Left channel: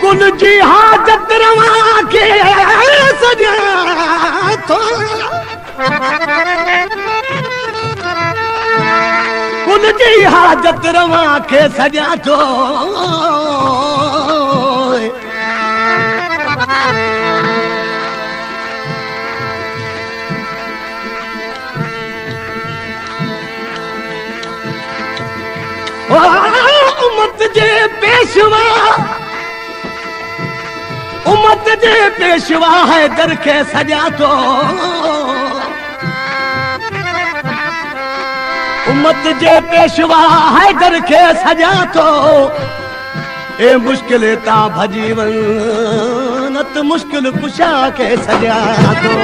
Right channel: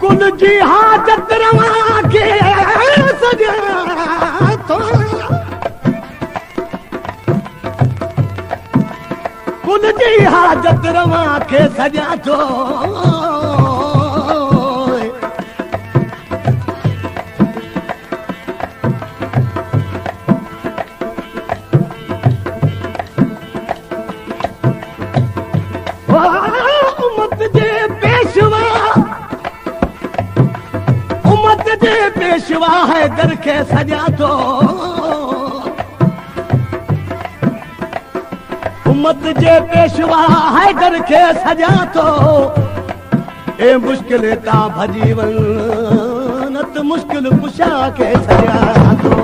कुल जी हाजत रवा के सजा तो कुल जी हाजत रवा के सजा तो उम्मत जे पेशवा उम्मत जे पेशवा है दर के सजा तो उम्मत जे पेशवा है दर के सजा तो ए मुश्किल ता भजी वन नत मुश्किल कुशा के सजा तो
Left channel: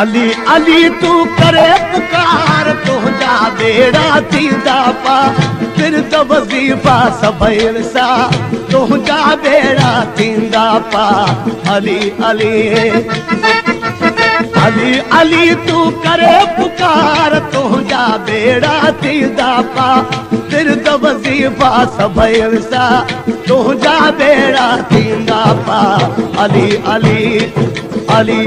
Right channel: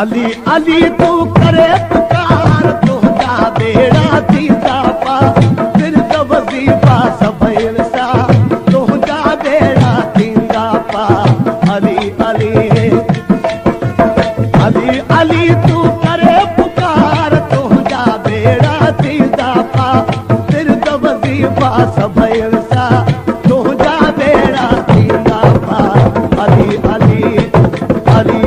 अली अली तू करे पुकार तुझा बेड़ा थींदा पा फिर तो वज़ीफ़ा सभई सा तुझा बेड़ा थींदा पा अली अली अली अली तू करे पुकार तुझा बेड़ा थींदा पा फिर तो वज़ीफ़ा सभई सा तुझा बेड़ा थींदा पा अली अली अली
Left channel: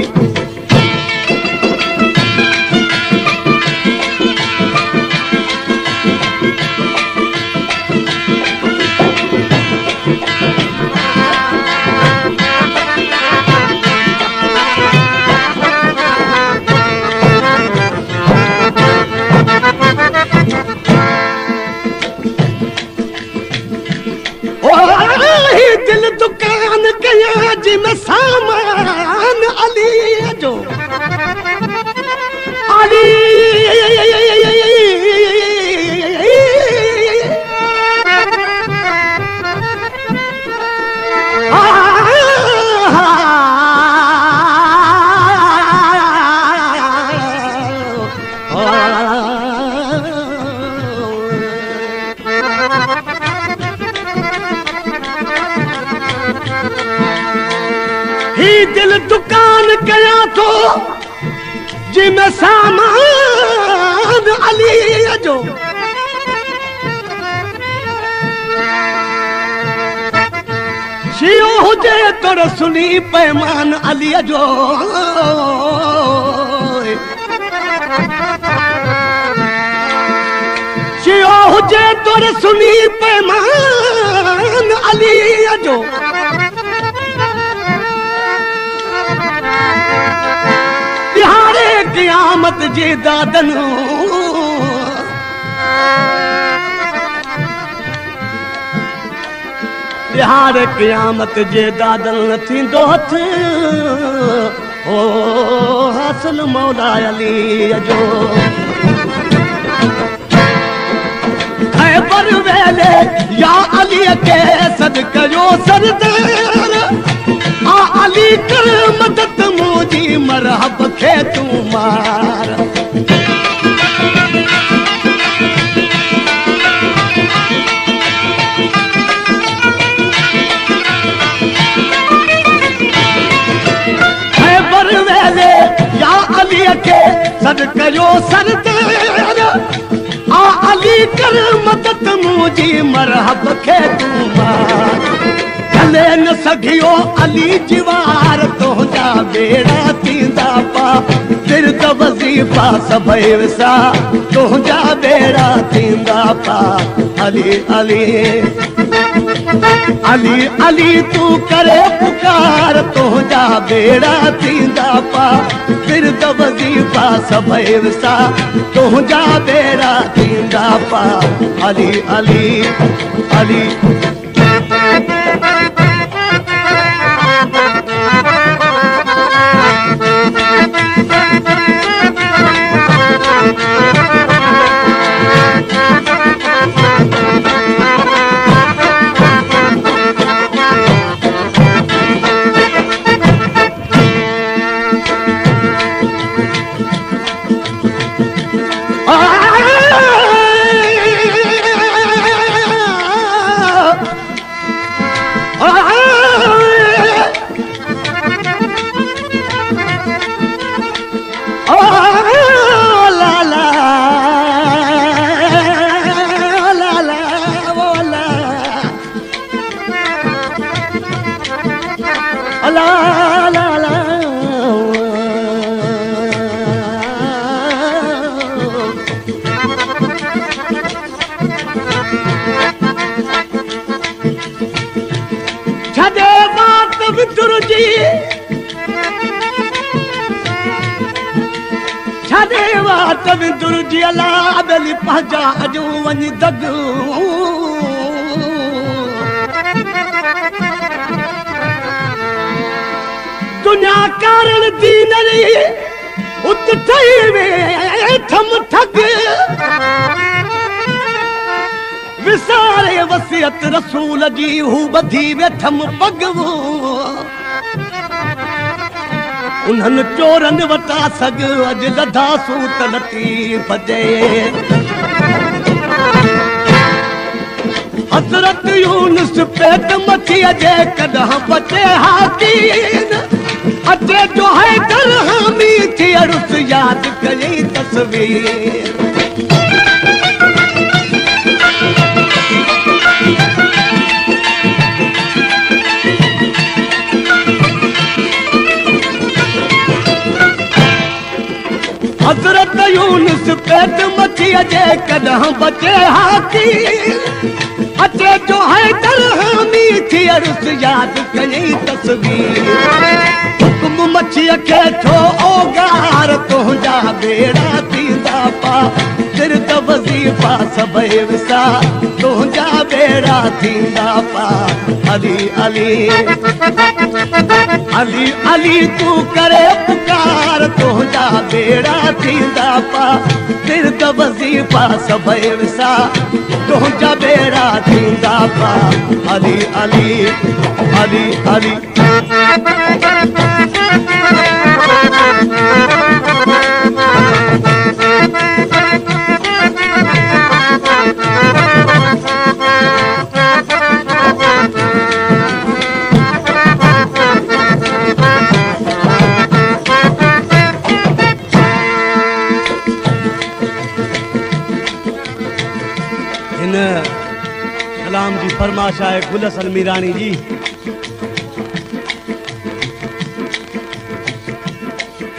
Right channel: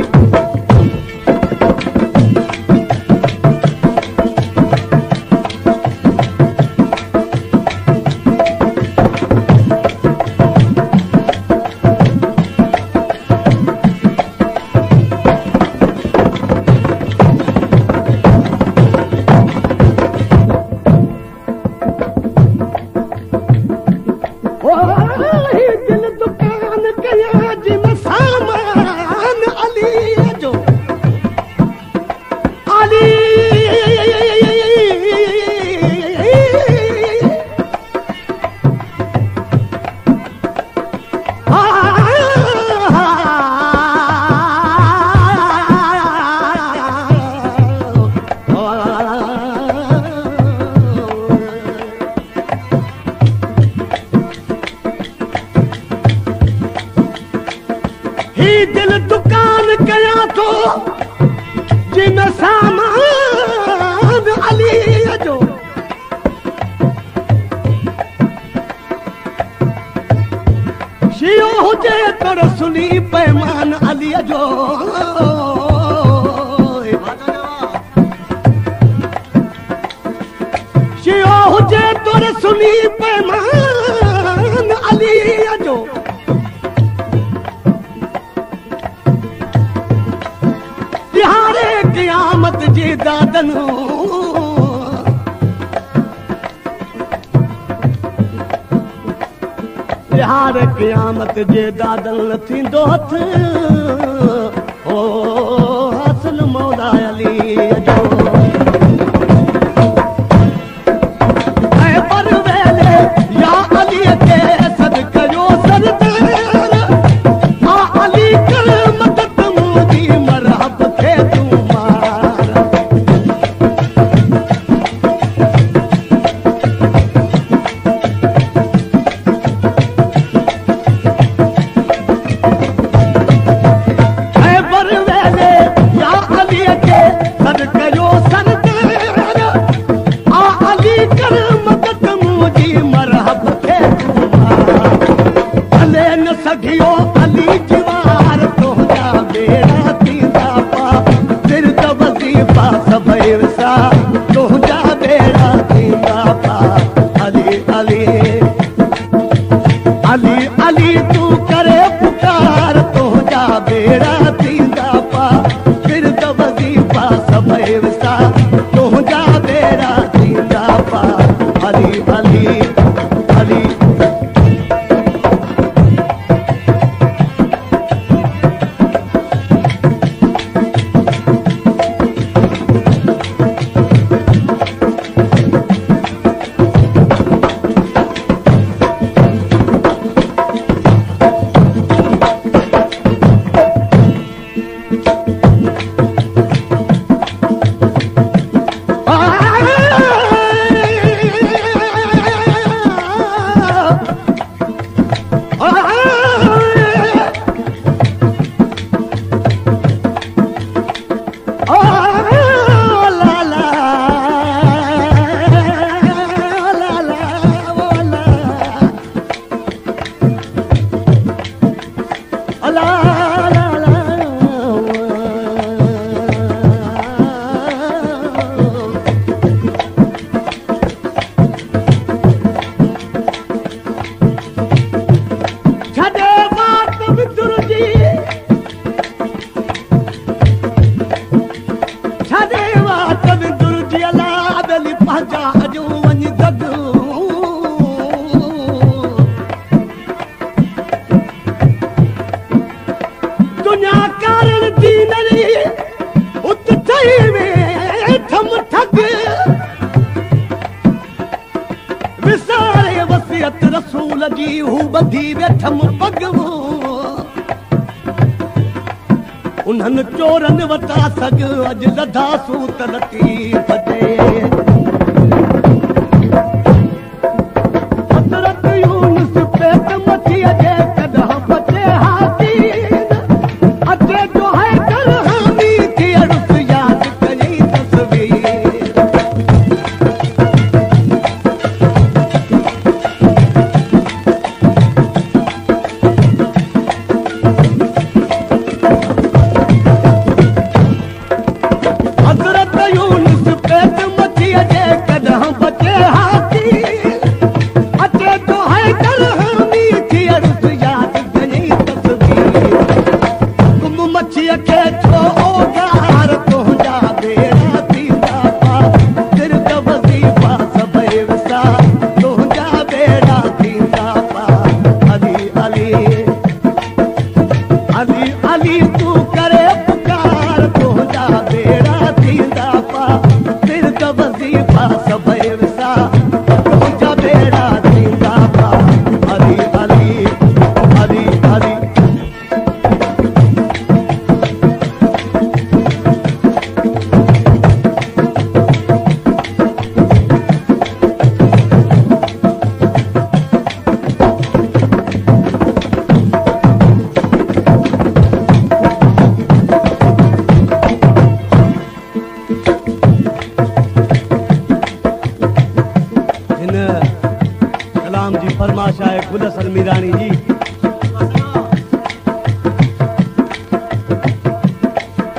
दिल दुकान कया जिमें सामान अली जो अली दिल दुकान कया तो जिमें सामान अली जो शियो हुजे तो रसूली पैमान अली जो शियो हुजे तो रसूली पैमान अली जो क़यामत जे दादन बिहार क़यामत जे दादन थींदो हथ ओ हासिल मौला अली जो ऐ पर वेले या अली के सदका जो सरदार आ अली कर मदद मुजी मरहब के तू मार है बर वेले या अली के सदका जो सरदार आ अली कर मदद मुजी मरहब के तू मार चले न सघियो अली जीवार तुझा बेड़ा थींदा पा फिर तो वज़ीफ़ा सभई सा तुझा बेड़ा थींदा पा अली अली अली अली तू करे पुकार तुझा बेड़ा थींदा पा फिर तो वज़ीफ़ा सभई सा तुझा बेड़ा थींदा पा अली अली अली ओ ला ला ला ला ओ ला ला ला ला छदे बात विदुर जी छदे बात विदुर जी अला अबली पहजा अजो वञ दग दुनिया कारण दीन री उत ठई में थम ठग विसारे वसियत रसूल जी हू बधी वेठम पगवो उन्हनि चोरनि वटा सग अॼु लधा सूत लटी भॼे हज़रत यूनुस पेट मछीअ जे कॾहिं बचे हाथीन अचे जो है दरहमी थी अरुस यादि कई तस्वीर हज़रत यूनुस पेट मछीअ जे कॾहिं बचे हाथी अचे जो है दरहमी थी अरुस यादि कई तस्वीर हुकुम मछीअ खे थो ओगार तुंहिंजा बेड़ा थींदा पा सिर त वज़ीफ़ा सभई विसा तुंहिंजा बेड़ा थींदा पा अली अली अली अली तूं करे पुकार तुंहिंजा बेड़ा थींदा पा सिर त वज़ीफ़ा सभई विसा तुंहिंजा बेड़ा थींदा पा अली अली अली अली कलाम जी फरमाश है गुल हसन मीरानी जी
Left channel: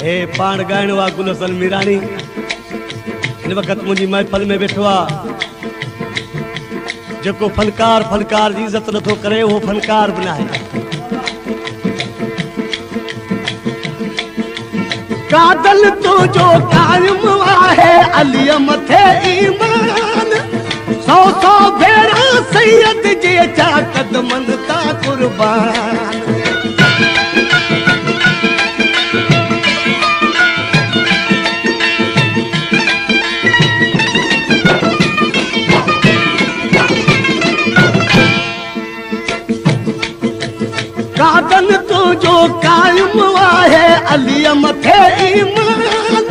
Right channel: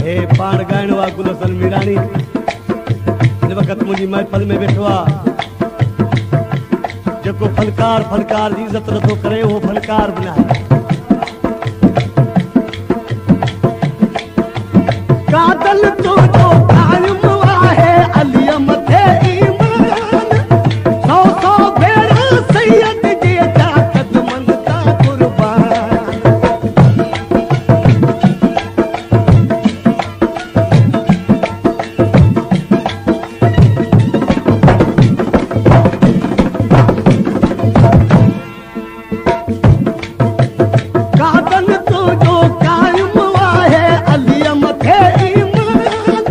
हे पाण ॻाइणो आहे गुल हसन मीरानी हिन वक़्तु मुंहिंजी महफ़िल में वेठो आहे जेको फनकार फनकार जी इज़त नथो करे उहो फनकार बि नाहे कादल तुंहिंजो क़ाइम आहे अलीअ मथे ईमान सौ सौ भेरा सैयद जे जा कदमनि ता कुर्बान कादल तुंहिंजो क़ाइम आहे अलीअ मथे ईमान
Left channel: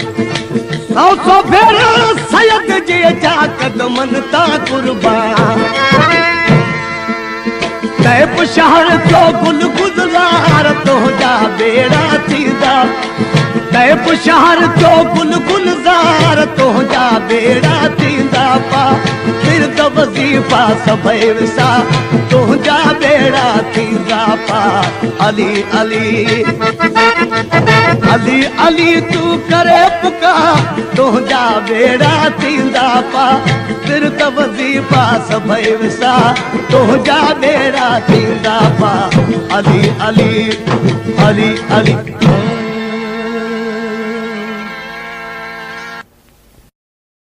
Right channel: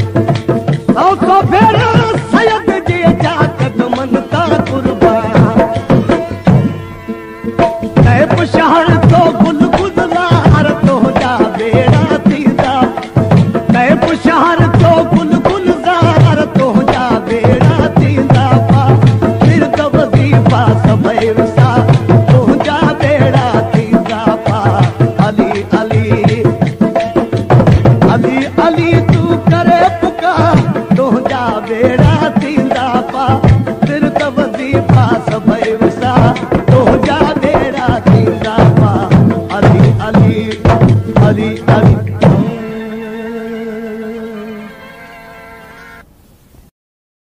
सौ सौ भेरा सैयद जे जा कदमनि ता कुर्बान तैब शहर जो गुल गुलज़ार तुंहिंजा बेड़ा थींदा तैब शहर जो गुल गुलज़ार तुंहिंजा बेड़ा थींदा पा सिर त वज़ीफ़ा सभई विसा तुंहिंजा बेड़ा थींदा पा अली अली अली अली तूं करे पुकार तुंहिंजा बेड़ा थींदा पा सिर त वज़ीफ़ा सभई विसा तुंहिंजा बेड़ा थींदा पा अली अली अली अली